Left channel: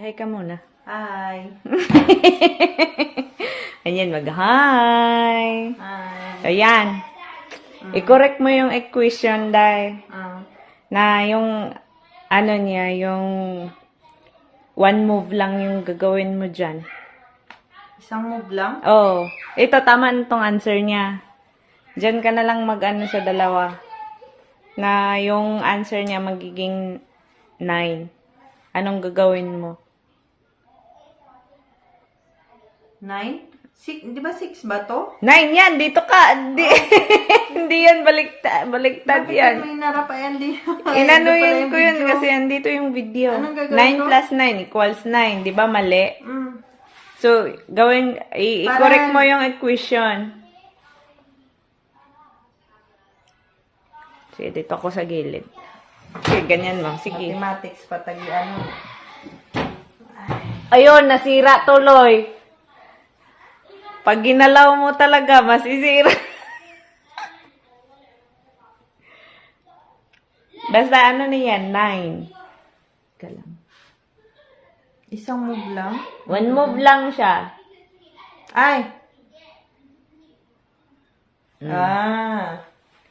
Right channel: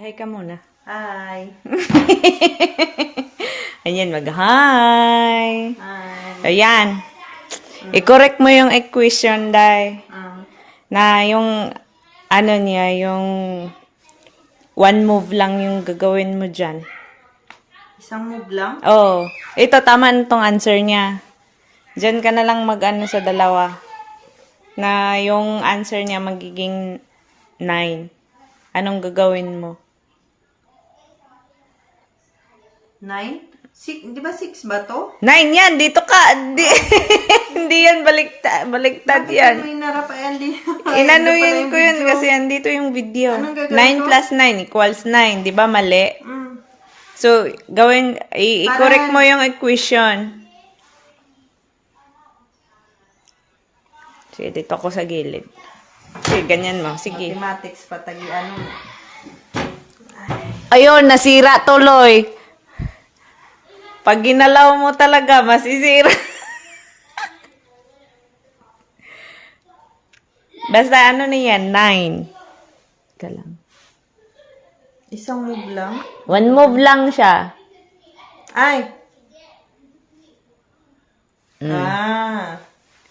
Mag-hi ka muna. Hi. Ayan, mag-hi. Hi. Ayan. I-correct mo yung equation, Day. Na yung, ano niya, yung one move lang yung gagawin mo dyan. Isang move lang? Oh, ito, tama na tong answer niya. Diyan ka na lang mag-ano sa dalawa. Na yung answer niya magiging 9. Anong gagawin mo? 9? Di ba 6 ba to? 9 yan, dito ka. Hindi yan baliktad Bakit yan. mo inarapayan di? Inanuhin ko yun kasi andito yung video. Anong gagawin 9 ko? plus 9 equals 9. Di ba mali? Mm. So, i-correct mo yung equation. Sige, dito ako sa gilid. Sige, ganyan mo. Sige. Mathematics patagi ano. Ayun, nasira tuloy. Pag ginalaw mo talaga, masisira. Basta ano na yan, 9. Ika lang. Isang move lang? One move lang siya. Ay!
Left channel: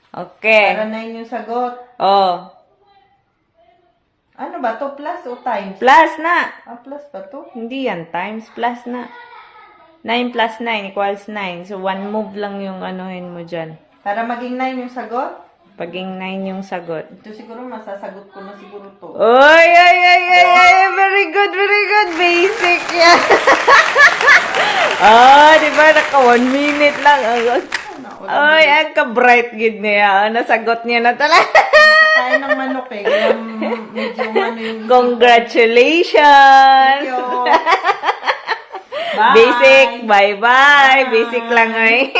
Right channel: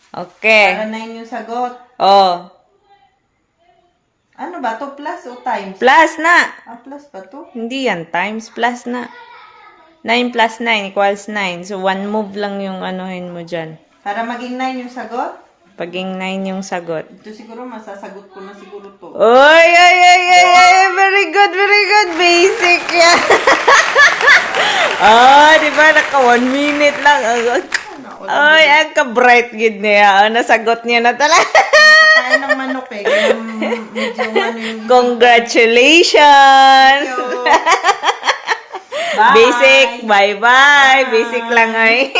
Okay. Para 9 yung sagot. Oh. Ano ba to? Plus o times? Plus na. Plus ba to? Hindi yan, times plus na. 9 plus 9 equals 9. So, one move lang yung anuhin mo dyan. Para maging 9 yung sagot? Paging 9 yung sagot. Ito siguro masasagot ko na siguro to. Oy, ay, ay, ay, ay, very good, very good. Basic yan. Di ba? Naka 1 minute lang. Ay, ang ka-bright gid niya. Nasagot niya na talaga. Kaya ng manok eh. Kaya medyo ano yung Congratulations! Thank you. Bye. Basic, bye-bye. Basic lang ay.